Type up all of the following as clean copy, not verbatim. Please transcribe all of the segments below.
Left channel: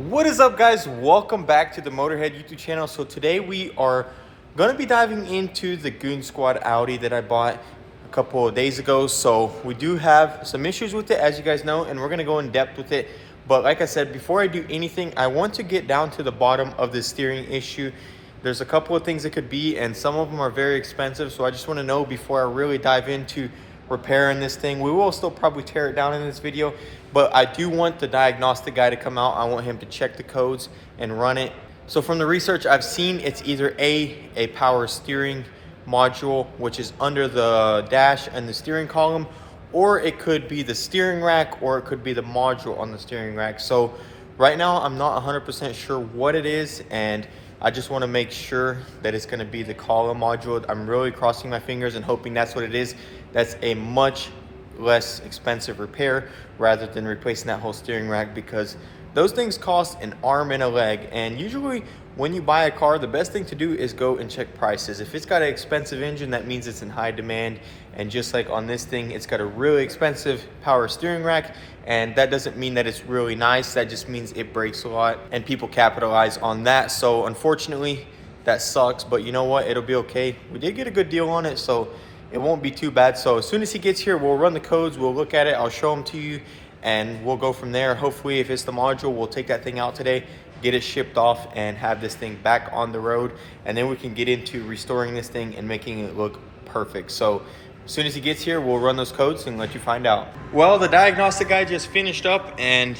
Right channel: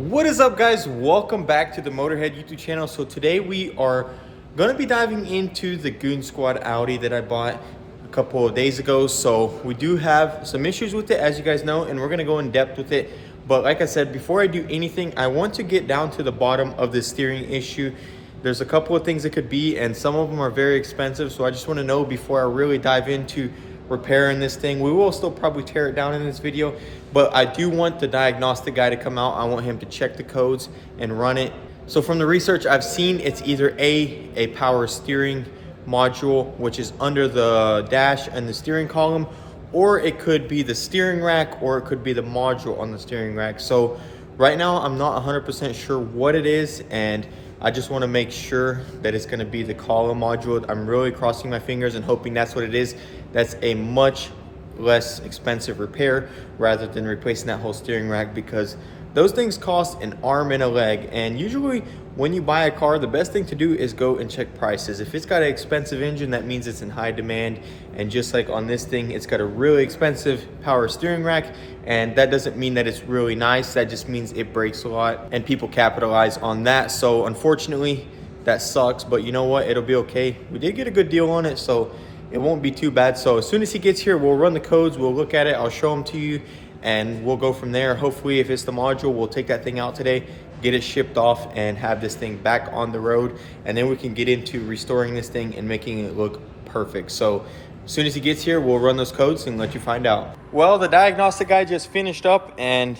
What is up, guys? Welcome back to the Motorhead YouTube channel. So today we are going to be diving into the Goon Squad Audi that I bought a couple of days ago. So we do have some issues with it, as you guys know, and we're going to go in depth with it. But like I said, before I do anything, I want to get down to the bottom of the steering issue. There's a couple of things it could be, and some of them are very expensive. So I just want to know before I really dive into repairing this thing. We will still probably tear it down in this video, but I do want the diagnostic guy to come out. I want him to check the codes and run it. So from the research I've seen, it's either a power steering module, which is under the dash and the steering column, or it could be the steering rack, or it could be the module on the steering rack. So right now I'm not 100% sure what it is, and I just want to make sure that it's going to be the column module. I'm really crossing my fingers and hoping that's what it is. That's a much less expensive repair rather than replacing that whole steering rack, because those things cost an arm and a leg. And usually when you buy a car, the best thing to do is go and check prices. If it's got an expensive engine, that means it's in high demand. And just like on this thing, it's got a really expensive power steering rack, and that doesn't mean that it's really nice. That just means it breaks a lot, and people capitalize on that. So unfortunately that sucks, but you know what, it'll be okay. We did get a good deal on it, so it won't be too bad. So as soon as he gets here, we'll run the codes, we'll look at it, I'll show them to you, and we'll go from there. Hopefully, if it's the module, we'll take that thing out today, get it shipped off, and have this thing back on the road. And then we can get into restoring this thing and making it look perfect. So as soon as he gets here, we'll run those codes and let you find out. Well, the diagnostic guy just finished up, and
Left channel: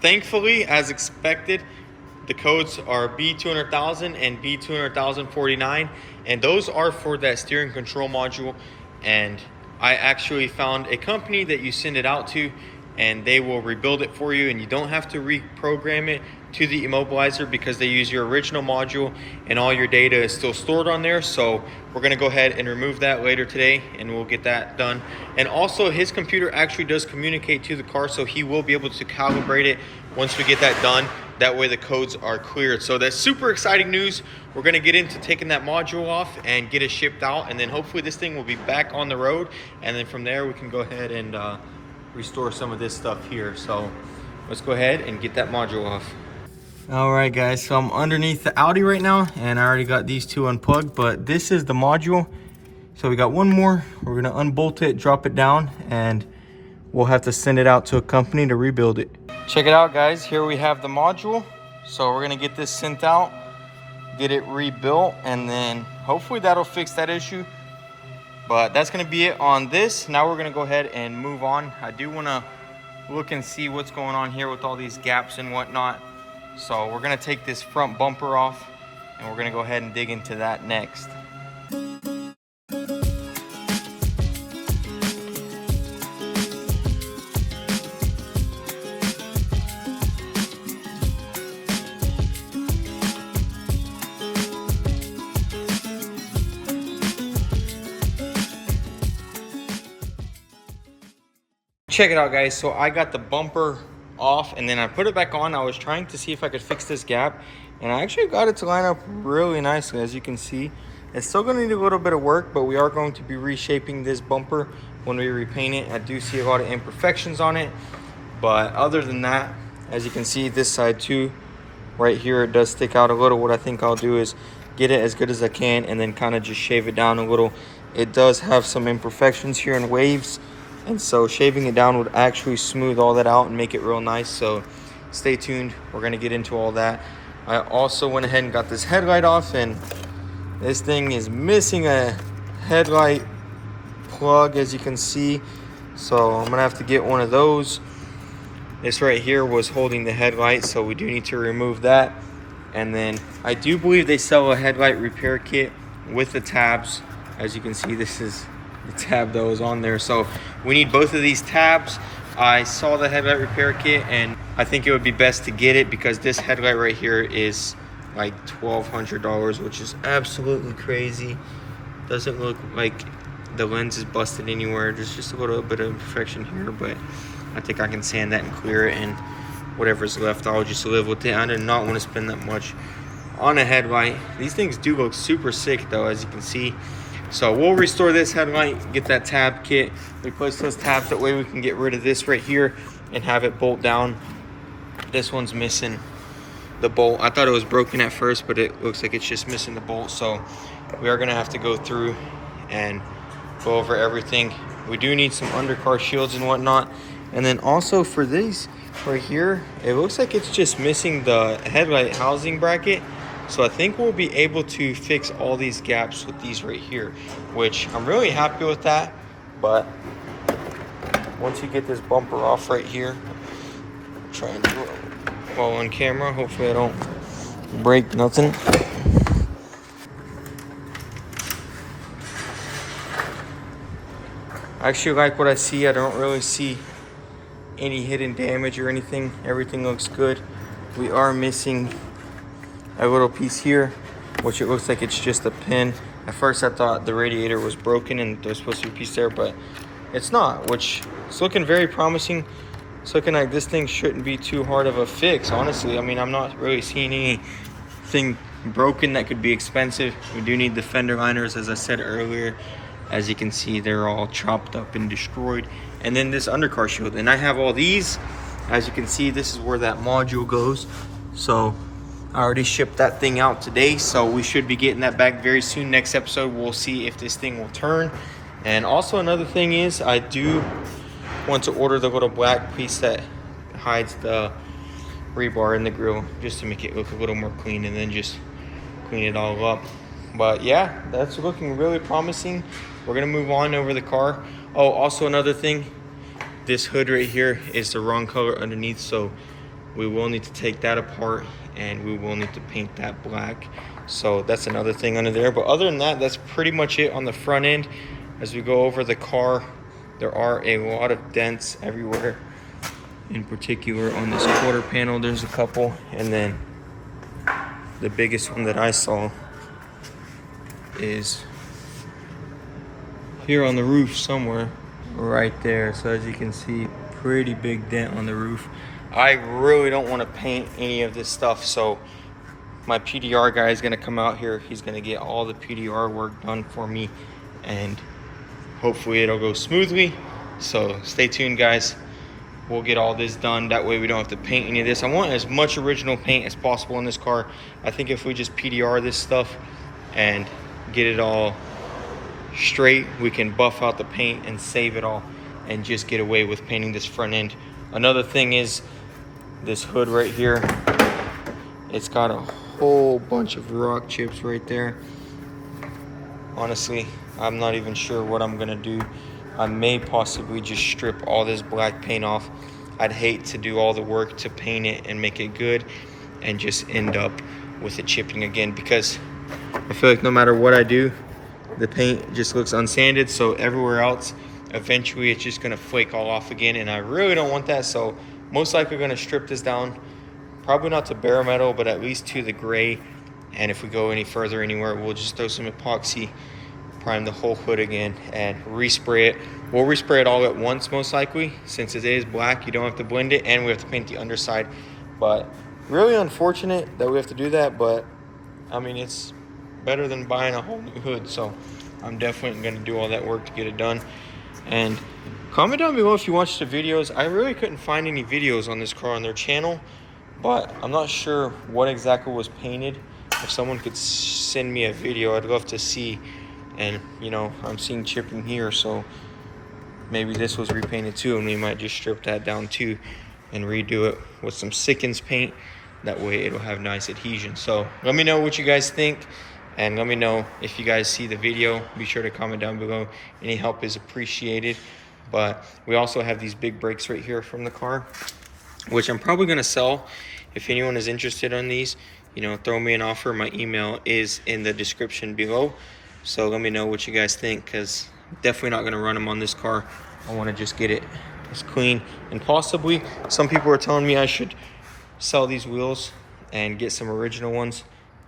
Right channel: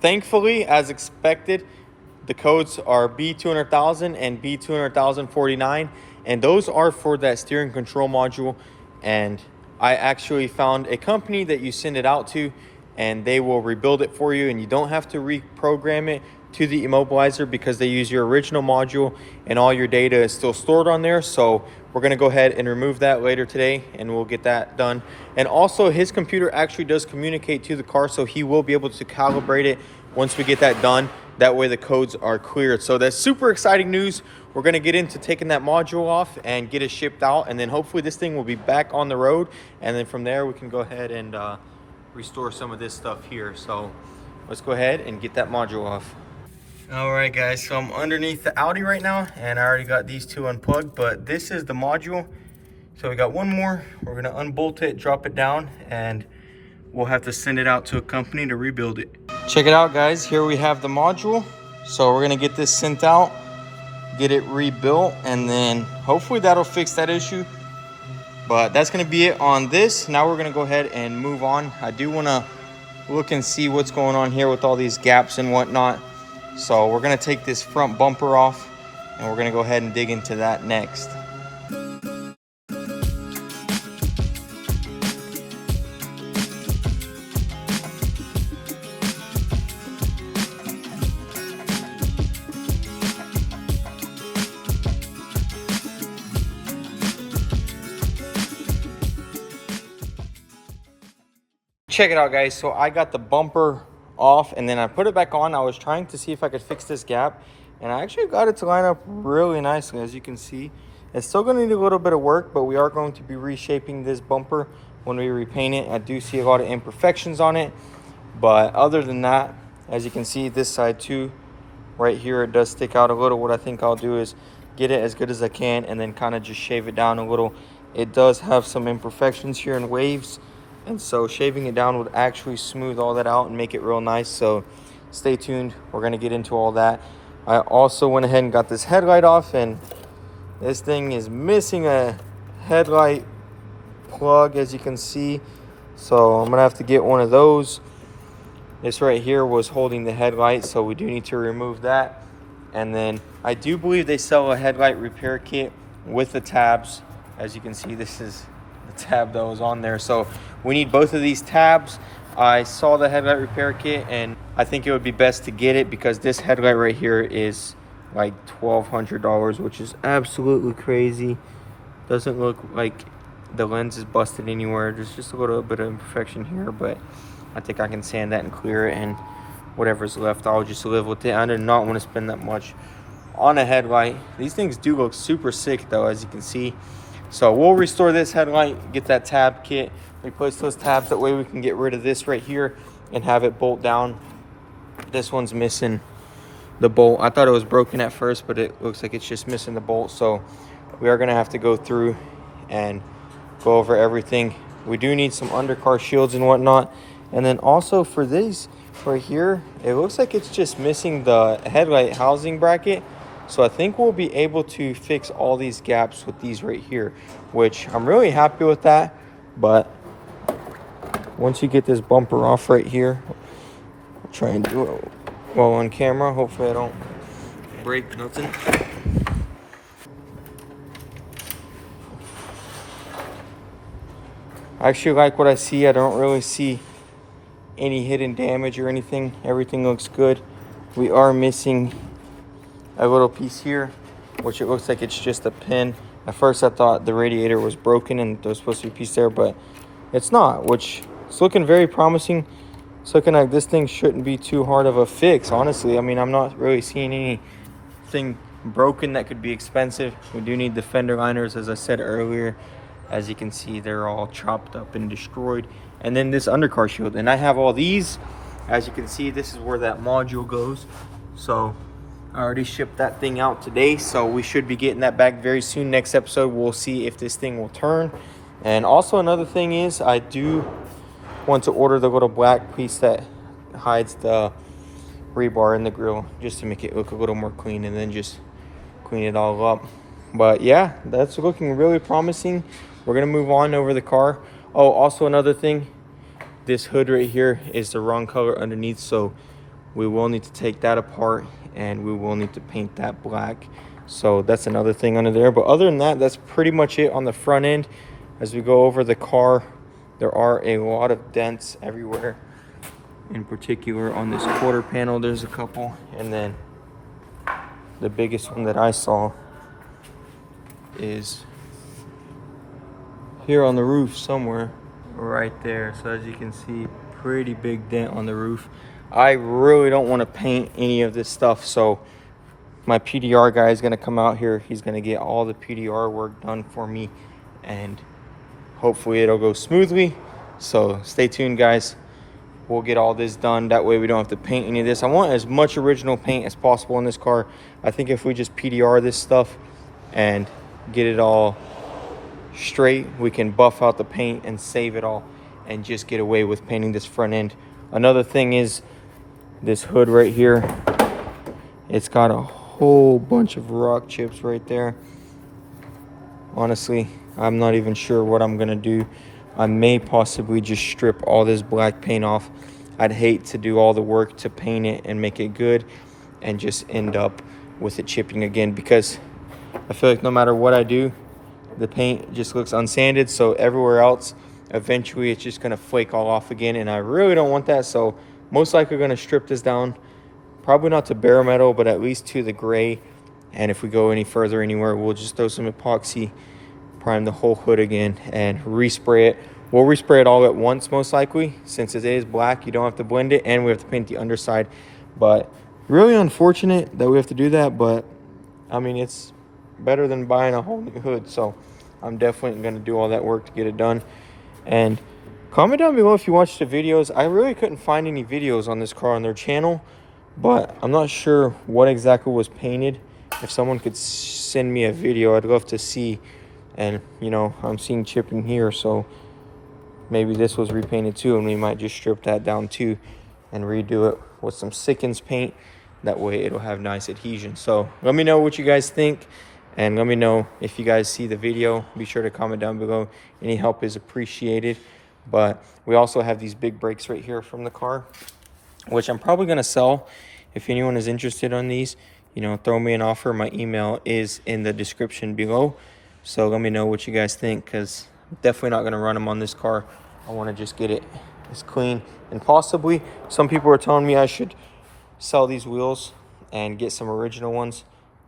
thankfully, as expected, the codes are B200,000 and B200,049. And those are for that steering control module. And I actually found a company that you send it out to, and they will rebuild it for you, and you don't have to reprogram it to the immobilizer because they use your original module and all your data is still stored on there. So we're going to go ahead and remove that later today, and we'll get that done. And also, his computer actually does communicate to the car, so he will be able to calibrate it once we get that done. That way the codes are cleared. So that's super exciting news. We're going to get into taking that module off and get it shipped out, and then hopefully this thing will be back on the road, and then from there we can go ahead and restore some of this stuff here. So let's go ahead and get that module off. All right, guys, so I'm underneath the Audi right now, and I already got these two unplugged, but this is the module. So we got one more. We're gonna unbolt it, drop it down, and we'll have to send it out to a company to rebuild it. Check it out, guys. Here we have the module. So we're gonna get this sent out, get it rebuilt, and then hopefully that'll fix that issue. But that's gonna be it on this. Now we're gonna go ahead and move on. I do wanna look and see what's going on here with all these gaps and whatnot. So we're gonna take this front bumper off, and we're gonna go ahead and dig into that next. Check it out, guys. So I got the bumper off, and then I put it back on. I was trying to see if I could fix this gap, and I actually got it to line up really nicely. As you can see, it's still going to need a little bit of work, but we are going to be reshaping this bumper when we repaint it. I do see a lot of imperfections on it, but other than that, as you can see, this side too, right here, it does stick out a little. What I think I'll do is get it as good as I can and then kind of just shave it down a little. It does have some imperfections here and waves, and so shaving it down would actually smooth all that out and make it real nice. So stay tuned. We're going to get into all that. I also went ahead and got this headlight off, and this thing is missing a headlight plug, as you can see. So I'm going to have to get one of those. This right here was holding the headlight, so we do need to remove that. And then I do believe they sell a headlight repair kit with the tabs. As you can see, this is the tab that was on there. So we need both of these tabs. I saw the headlight repair kit, and I think it would be best to get it because this headlight right here is like $1,200, which is absolutely crazy. Doesn't look like the lens is busted anywhere. There's just a little bit of imperfection here, but I think I can sand that and clear it, and whatever's left, I'll just live with it. I did not want to spend that much on a headlight. These things do look super sick though, as you can see. So we'll restore this headlight, get that tab kit, replace those tabs. That way we can get rid of this right here and have it bolt down This one's missing the bolt. I thought it was broken at first, but it looks like it's just missing the bolt. So we are gonna have to go through and go over everything. We do need some undercar shields and whatnot. And then also for these right here, it looks like it's just missing the headlight housing bracket. So I think we'll be able to fix all these gaps with these right here, which I'm really happy with that. But once you get this bumper off right here, I'll try and do it while on camera. Hopefully I don't break nothing. I actually like what I see. I don't really see any hidden damage or anything. Everything looks good. We are missing a little piece here, which it looks like it's just a pin. At first I thought the radiator was broken and there's supposed to be a piece there, but it's not, which is looking very promising. It's looking like this thing shouldn't be too hard of a fix, honestly. I mean, I'm not really seeing anything broken that could be expensive. We do need the fender liners, as I said earlier. As you can see, they're all chopped up and destroyed. And then this undercar shield. And I have all these. As you can see, this is where that module goes. So I already shipped that thing out today. So we should be getting that back very soon. Next episode, we'll see if this thing will turn. And also another thing is, I do want to order the little black piece that hides the rebar in the grill, just to make it look a little more clean, and then just clean it all up. But yeah, that's looking really promising. We're gonna move on over the car. Oh, also another thing, this hood right here is the wrong color underneath, so we will need to take that apart and we will need to paint that black. So that's another thing under there. But other than that, that's pretty much it on the front end. As we go over the car, there are a lot of dents everywhere. In particular on this quarter panel, there's a couple. And then the biggest one that I saw is here on the roof somewhere, right there. So as you can see, pretty big dent on the roof. I really don't want to paint any of this stuff, so my PDR guy is going to come out here. He's going to get all the PDR work done for me, and hopefully it'll go smoothly. So stay tuned, guys. We'll get all this done. That way we don't have to paint any of this. I want as much original paint as possible in this car. I think if we just PDR this stuff and get it all straight, we can buff out the paint and save it all and just get away with painting this front end. Another thing is this hood right here. It's got a whole bunch of rock chips right there. Honestly, I'm not even sure what I'm gonna do. I may possibly just strip all this black paint off. I'd hate to do all the work to paint it and make it good and just end up with it chipping again, because I feel like no matter what I do, the paint just looks unsanded. So everywhere else, eventually it's just gonna flake all off again, and I really don't want that. So most likely gonna strip this down, probably not to bare metal, but at least to the gray. And if we go any further anywhere, we'll just throw some epoxy, prime the whole hood again, and respray it. We'll respray it all at once, most likely. Since it is black, you don't have to blend it, and we have to paint the underside. But really unfortunate that we have to do that, but I mean, it's better than buying a whole new hood. So I'm definitely gonna do all that work to get it done. And comment down below if you watched the videos. I really couldn't find any videos on this car on their channel, but I'm not sure what exactly was painted. If someone could send me a video, I'd love to see. And you know, I'm seeing chipping here, so maybe this was repainted too, and we might just strip that down too and redo it with some Sickens paint. That way it'll have nice adhesion. So let me know what you guys think, and let me know if you guys see the video. Be sure to comment down below. Any help is appreciated. But we also have these big brakes right here from the car, which I'm probably gonna sell. If anyone is interested on these, you know, throw me an offer. My email is in the description below. So let me know what you guys think, because I'm definitely not going to run them on this car. I want to just get it as clean. And possibly, some people are telling me I should sell these wheels and get some original ones.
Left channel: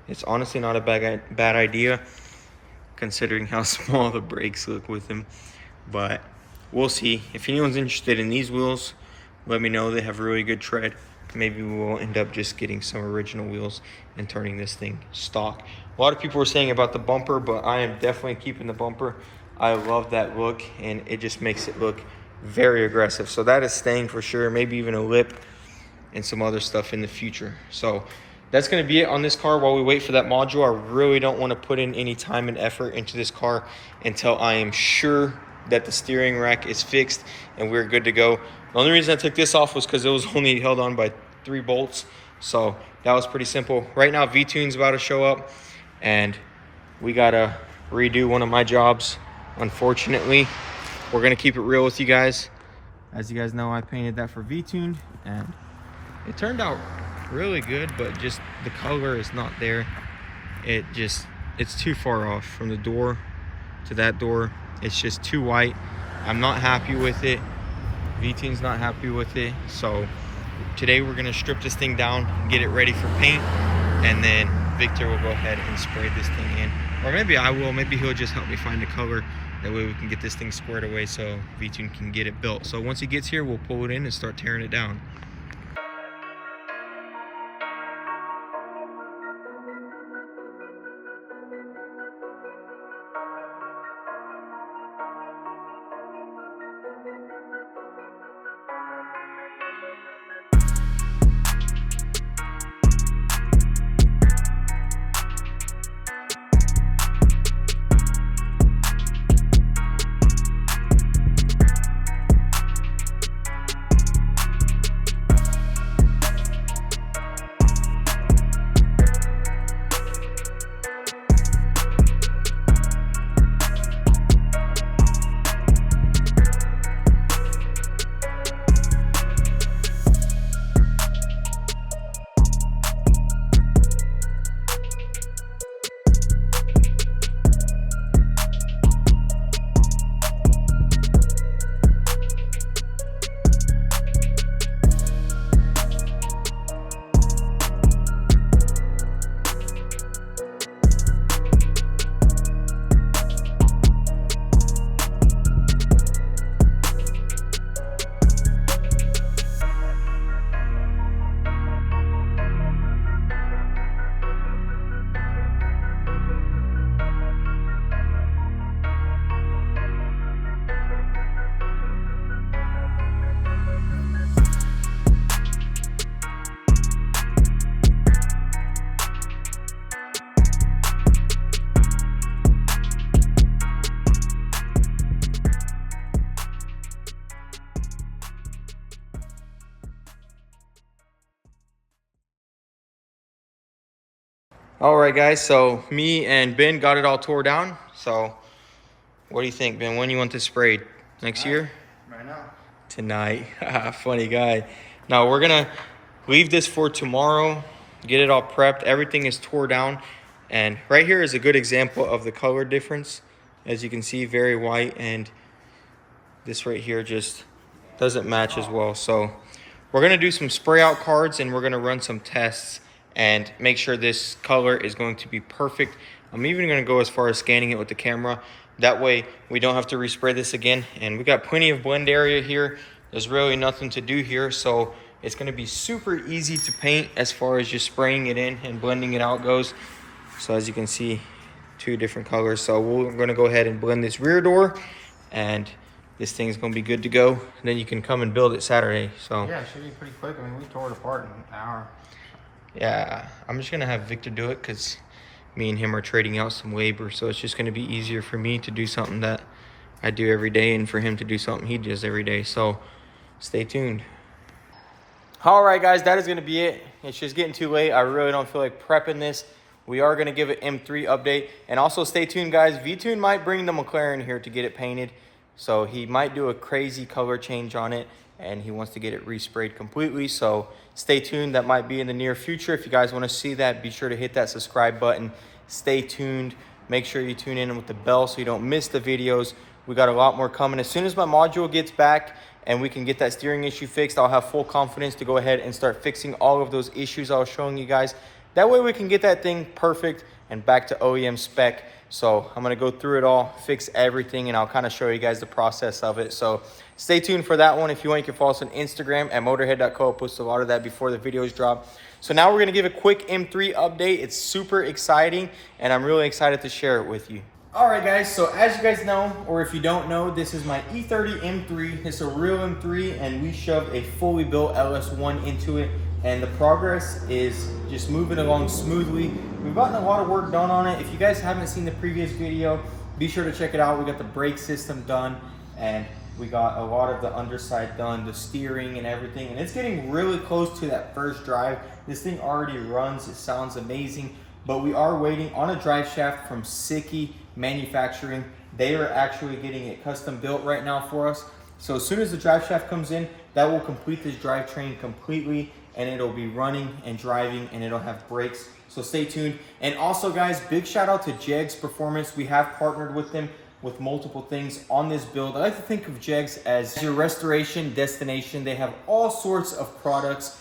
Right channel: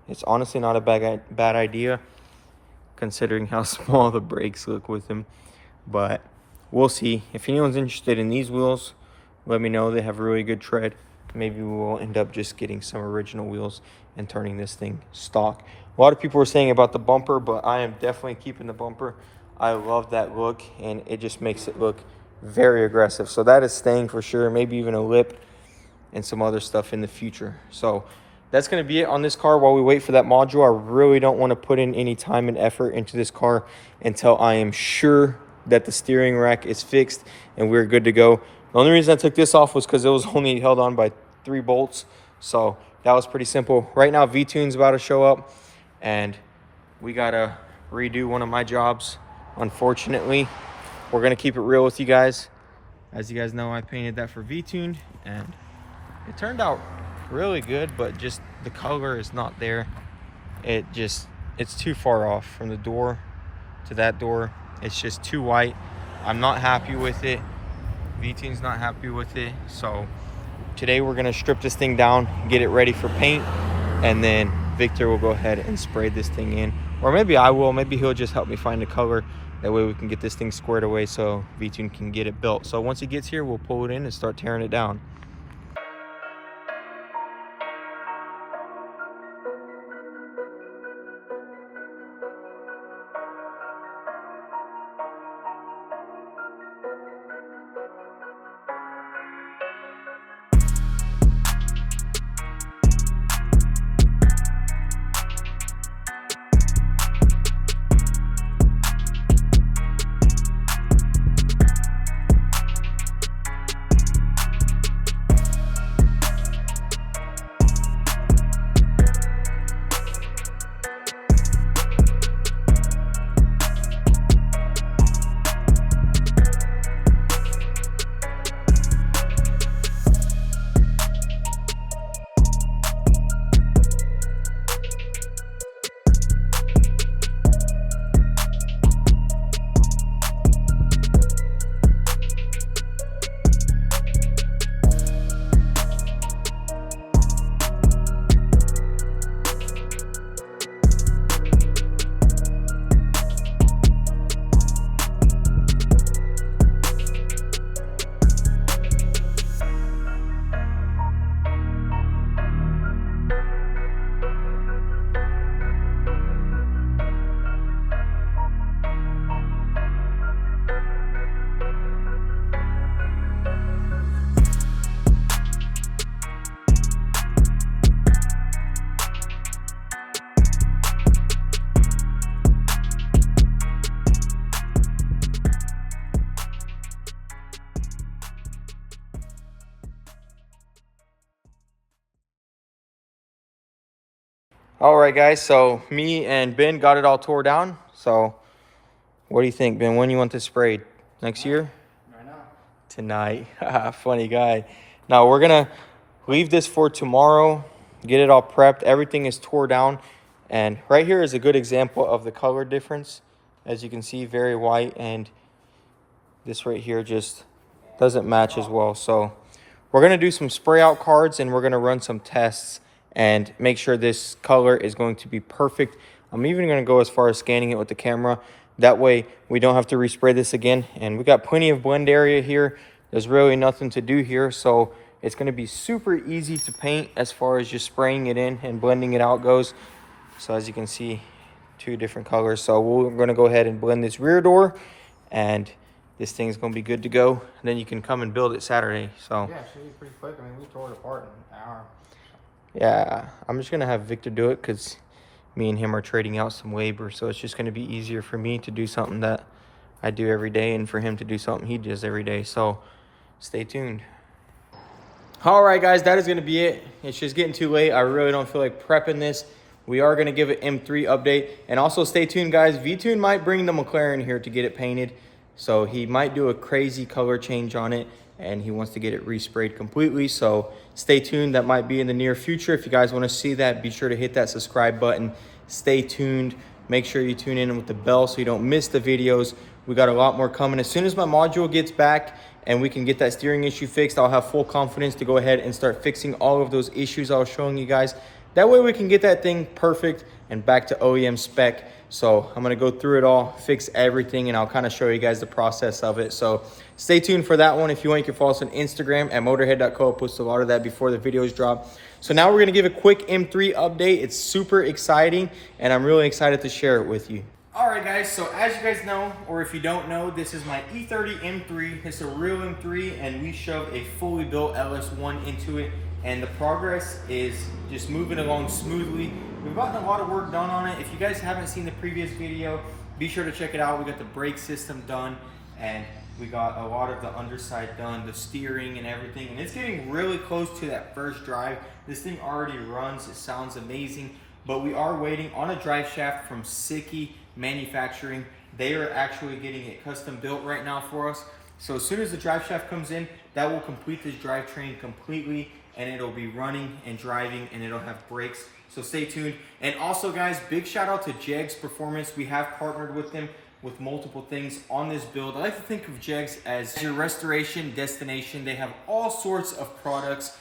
It's honestly not a bad idea, considering how small the brakes look with them. But we'll see. If anyone's interested in these wheels, let me know. They have really good tread. Maybe we'll end up just getting some original wheels and turning this thing stock. A lot of people were saying about the bumper, but I am definitely keeping the bumper. I love that look, and it just makes it look very aggressive. So that is staying for sure. Maybe even a lip. and some other stuff in the future. So that's going to be it on this car while we wait for that module. I really don't want to put in any time and effort into this car until I am sure that the steering rack is fixed and we're good to go. The only reason I took this off was because it was only held on by 3 bolts. So that was pretty simple. Right now, V-Tune's about to show up and we got to redo one of my jobs. Unfortunately, we're going to keep it real with you guys. As you guys know, I painted that for V-Tune and it turned out really good, but just the color is not there. It's too far off from the door to that door. It's just too white. I'm not happy with it. V-Tune's not happy with it. So today we're gonna strip this thing down, get it ready for paint, and then Victor will go ahead and spray this thing in. Or maybe I will, maybe he'll just help me find the color. That way we can get this thing squared away so V-Tune can get it built. So once he gets here, we'll pull it in and start tearing it down. All right, guys, so me and Ben got it all tore down. So what do you think, Ben? When you want this sprayed? Next year? Right now. Tonight. Funny guy. Now we're gonna leave this for tomorrow, get it all prepped. Everything is tore down. And right here is a good example of the color difference. As you can see, very white, and this right here just doesn't match as well. So we're gonna do some spray out cards and we're gonna run some tests and make sure this color is going to be perfect. I'm even gonna go as far as scanning it with the camera. That way we don't have to respray this again. And we got plenty of blend area here. There's really nothing to do here. So it's gonna be super easy to paint as far as just spraying it in and blending it out goes. So as you can see, 2 different colors. So we're gonna go ahead and blend this rear door and this thing's gonna be good to go. And then you can come and build it Saturday. So yeah, it should be pretty quick. I mean, we tore it apart in an hour. Yeah, I'm just gonna have Victor do it because me and him are trading out some labor. So it's just gonna be easier for me to do something that I do every day and for him to do something he does every day. So stay tuned. All right, guys, that is gonna be it. It's just getting too late. I really don't feel like prepping this. We are gonna give it M3 update. And also stay tuned, guys. V-Tune might bring the McLaren here to get it painted. So he might do a crazy color change on it and he wants to get it resprayed completely. So stay tuned. That might be in the near future. If you guys want to see that, be sure to hit that subscribe button. Stay tuned. Make sure you tune in with the bell so you don't miss the videos. We got a lot more coming. As soon as my module gets back and we can get that steering issue fixed, I'll have full confidence to go ahead and start fixing all of those issues I was showing you guys. That way we can get that thing perfect and back to OEM spec. So I'm gonna go through it all, fix everything, and I'll kind of show you guys the process of it. So stay tuned for that one. If you want, you can follow us on Instagram at motorhead.co. I'll post a lot of that before the videos drop. So now we're gonna give a quick M3 update. It's super exciting, and I'm really excited to share it with you. All right, guys, so as you guys know, or if you don't know, this is my E30 M3. It's a real M3, and we shoved a fully built LS1 into it, and the progress is just moving along smoothly. We've gotten a lot of work done on it. If you guys haven't seen the previous video, be sure to check it out. We got the brake system done, and we got a lot of the underside done, the steering and everything, and it's getting really close to that first drive. This thing already runs, it sounds amazing, but we are waiting on a drive shaft from Sicky Manufacturing. They are actually getting it custom built right now for us. So as soon as the drive shaft comes in, that will complete this drivetrain completely, and it'll be running and driving, and it'll have brakes. So stay tuned. And also, guys, big shout out to Jegs Performance. We have partnered with them with multiple things on this build. I like to think of Jegs as your restoration destination. They have all sorts of products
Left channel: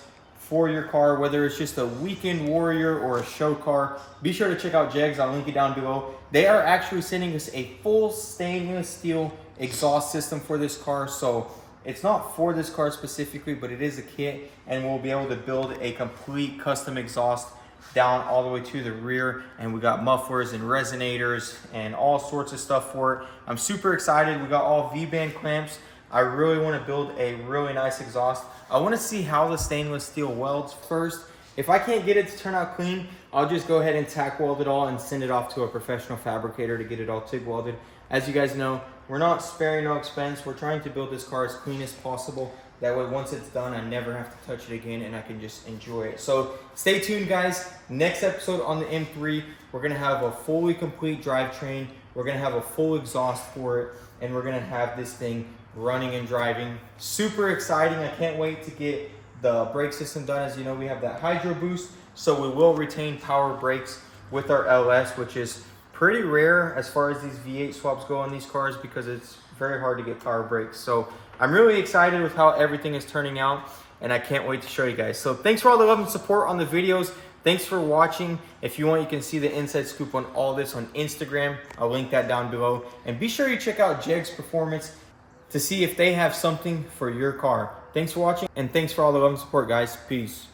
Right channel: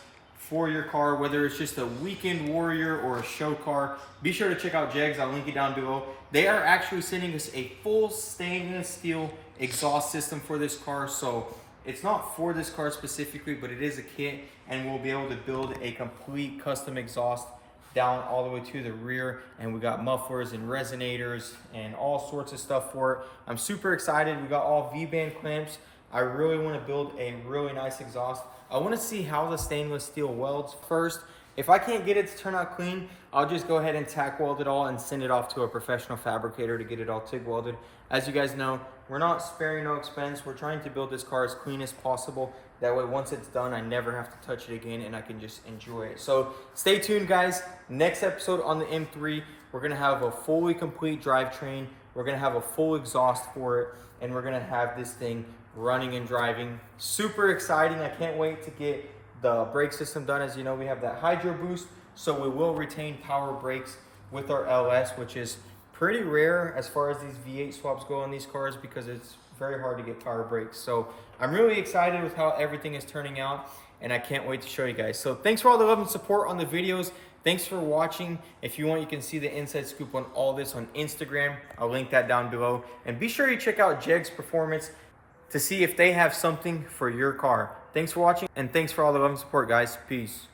for your car, whether it's just a weekend warrior or a show car. Be sure to check out Jegs. I'll link it down below. They are actually sending us a full stainless steel exhaust system for this car. So it's not for this car specifically, but it is a kit, and we'll be able to build a complete custom exhaust down all the way to the rear, and we got mufflers and resonators and all sorts of stuff for it. I'm super excited. We got all V-band clamps. I really want to build a really nice exhaust. I want to see how the stainless steel welds first. If I can't get it to turn out clean, I'll just go ahead and tack weld it all and send it off to a professional fabricator to get it all TIG welded. As you guys know, we're not sparing no expense. We're trying to build this car as clean as possible. That way, once it's done, I never have to touch it again, and I can just enjoy it. So stay tuned, guys. Next episode on the M3, we're gonna have a fully complete drivetrain. We're gonna have a full exhaust for it, and we're gonna have this thing running and driving. Super exciting. I can't wait to get the brake system done. As you know, we have that hydro boost, so we will retain power brakes with our LS, which is pretty rare as far as these V8 swaps go on these cars, because it's very hard to get power brakes. So I'm really excited with how everything is turning out, and I can't wait to show you guys. So thanks for all the love and support on the videos. Thanks for watching. If you want, you can see the inside scoop on all this on Instagram. I'll link that down below. And be sure you check out Jegs Performance to see if they have something for your car. Thanks for watching, and thanks for all the love and support, guys. Peace.